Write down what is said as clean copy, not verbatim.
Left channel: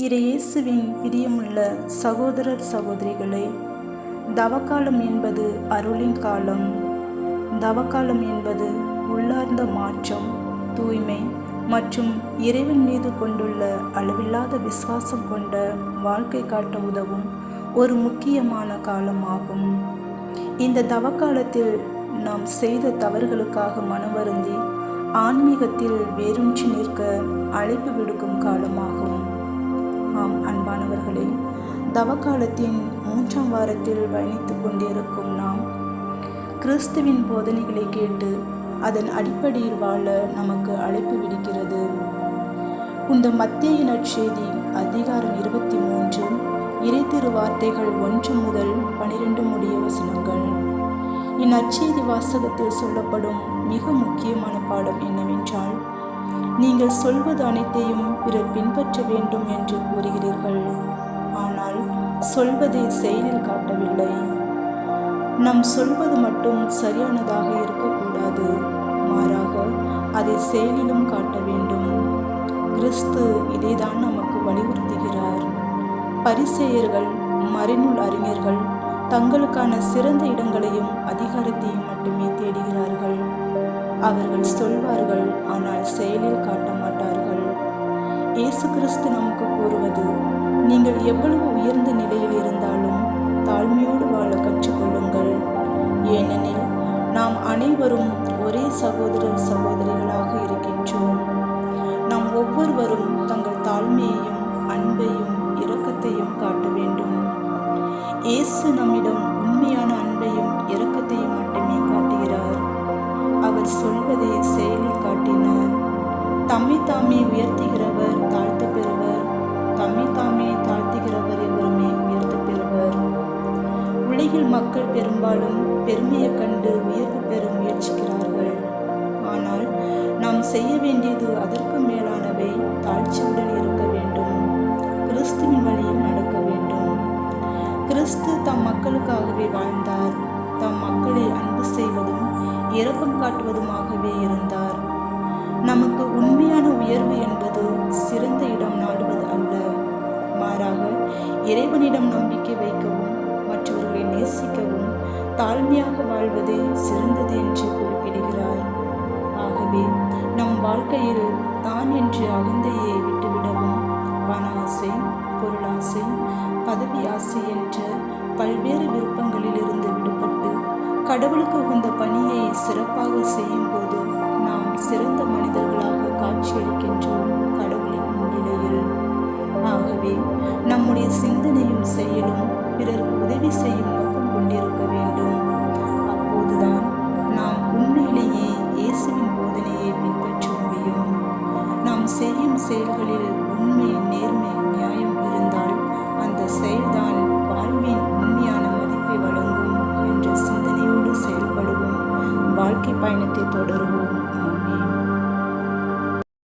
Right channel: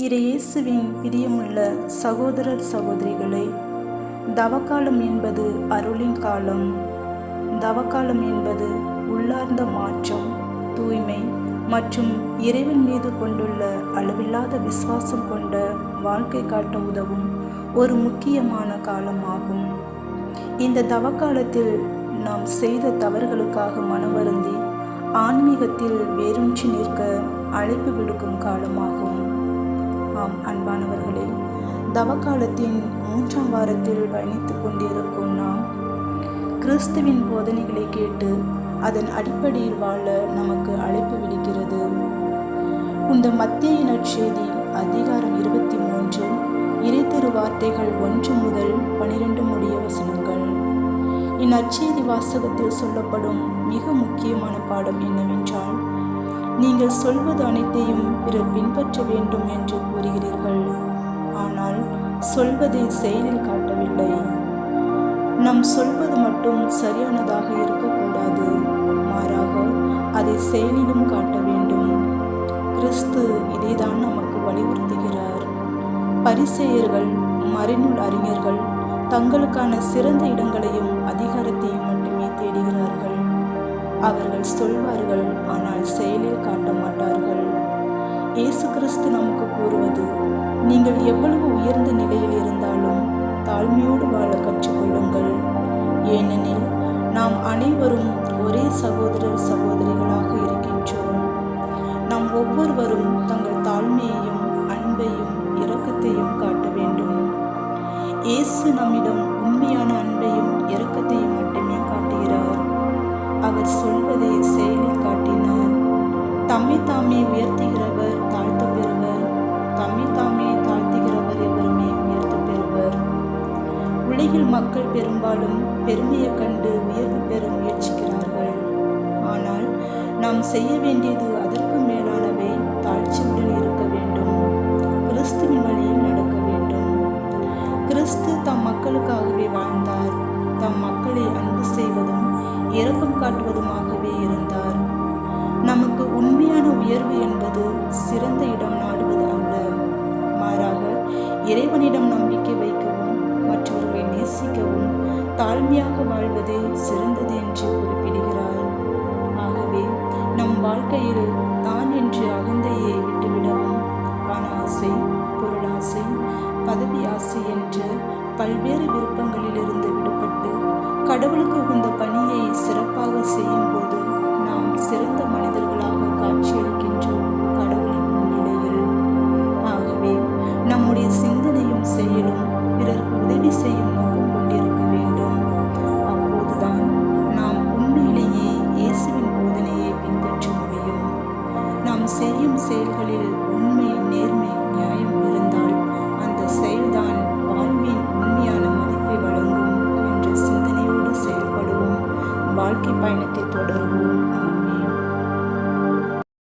இயேசுவின் பிரியமுள்ள சகோதரர் சகோதரிகளே, தவக்காலம் என்பது அருளின் காலம். தவக்காலம் என்பது உள்ளார்ந்த மாற்றம், தூய்மை மற்றும் இறைவன் மீது கொண்டுள்ள அளவில்லாத விசுவாசம் கொண்ட வாழ்க்கை காட்ட உதவும் ஒரு முக்கியமான காலமாகும். இந்த தவக்காலத்தில் நாம் செய்த தவறுகளுக்காக மனவருந்தி ஆன்மீகத்தில் வேரூன்றி நிற்க அழைப்பு விடுக்கும் காலமாகும். ஆம் அன்பானவர்களே, தவக்காலத்தின் 3ஆம் வாரத்தில் பயணித்து கொண்டிருக்கும் நாம் கிறிஸ்துவின் போதனைகளை கேட்டு அதன் அடிப்படையில் வாழ நமக்கு அழைப்பு விடுக்கிறது. இந்த மத்தேயு நற்செய்தி அதிகாரம் 23 இறைத்திரு வார்த்தைகள் 1 முதல் 12 முடிய வசனங்கள். இந்நற்செய்தி வாசகத்தில் சொல்லப்படும் மிக முக்கியமான பாடம் என்னவென்றால், நீங்கள் சொல்வது அனைத்தையும் பிறர் பின்பற்ற வேண்டும் என்று கூறுகிறீர்கள், ஆனால் சொல்வதை செயலில் காட்டவில்லை. நாம் சொல்வது மட்டும் சரியானதாக இருக்கக்கூடாது, மாறாக அதை செயலிலும் காட்ட வேண்டும். கிறிஸ்து இதைதான் நமக்கு வலியுறுத்துகிறார். பரிசேயர்கள், மறைநூல் அறிஞர்கள் தங்களுக்கான சிறந்த இடங்களையும் அதிகாரத்தையும் மட்டுமே தேடுகிறார்கள். அவர்கள் சொல்வார்கள், ஆனால் செயலில் காட்ட மாட்டார்கள். இயேசு கிறிஸ்து நமக்கு கூறுவது, நீங்கள் எவ்வளவு உயர்ந்த நிலையில் இருந்தாலும் தாழ்மையோடு வாழ கற்றுக்கொள்ளுங்கள். ஏனெனில் நாம் அனைவரும் ஒரே சகோதரர் சகோதரிகளாக இருக்கின்றோம். நாம் ஒவ்வொருவரும் தங்கள் தாழ்மையையும் அன்பையும் இரக்கத்தையும் காட்ட வேண்டும். இயேசு நம்மிடம் உண்மையான அன்பையும் இரக்கத்தையும் மட்டுமே காட்டுகிறார். அவர் சொல்வதை செயலில் காட்டினார். தம்மை தாமே உயர்த்துகிறவர் தாழ்த்த பெறுவர், தம்மை தாமே தாழ்த்துகிறவர் எவருமே உயர்த்த பெறுவர். உலகில் மக்கள் பெரும்பாலும் பெருமையை கண்டு உயர்வு பெற முயற்சிக்கிறார்கள். ஆனால் நாம் செய்ய வேண்டியது அதற்கு மேலானவை. தாழ்ச்சியுடன் இருக்க வேண்டும், கிறிஸ்துவின் வழியில் நடக்க வேண்டும். கிறிஸ்து தம் மக்களுக்காகவே வாழ்ந்தார். தம் மக்களை அன்பு செய்வதும் இரக்கம் காட்டுவதுமாகவே இருந்தார். நமக்கு உண்மையான உயர்வு என்பது சிறந்த இடம் நாடுவது அல்ல, மாறாக இறைவனிடம் நம்பிக்கை வைக்கவும் மற்றவர்களை நேசிக்கவும் தாழ்மையாக வாழ்வதே சிறந்தது என்று குறிப்பிடுகிறார். ஆகவே நம் வாழ்க்கையில் தான் என்று அகந்தையை விட்டுவிடவும், பண ஆசை, பொருளாசை, பதவி ஆசை என்ற பல்வேறு விருப்பங்களிலிருந்து விடுபட்டு கடவுளுக்கு உகந்த பணியை சிறப்பாக செய்யும் போது நாம் சிறந்த மனிதர்களாக காட்சியளிக்கின்றோம் கடவுளின் முன்னிலையில். ஆகவே நம்முடைய சிந்தனையும் செயலும் பிறருக்கு உதவி செய்யும் நோக்கம் கொண்டிருக்க வேண்டும். அப்போதுதான் நாம் உண்மையிலேயே இயேசுவின் போதனையை பின்பற்ற முடியும். நாம் செய்யும் செயல்களில் உண்மை, நேர்மை, நியாயம் இருந்தால் அந்த செயல்தான் வாழ்வின் உண்மையான மதிப்பை வழங்கும் என்ற சிந்தனையோடு செயல்படுவோம். வாழ்க்கை பயணத்தை தொடருவோம்.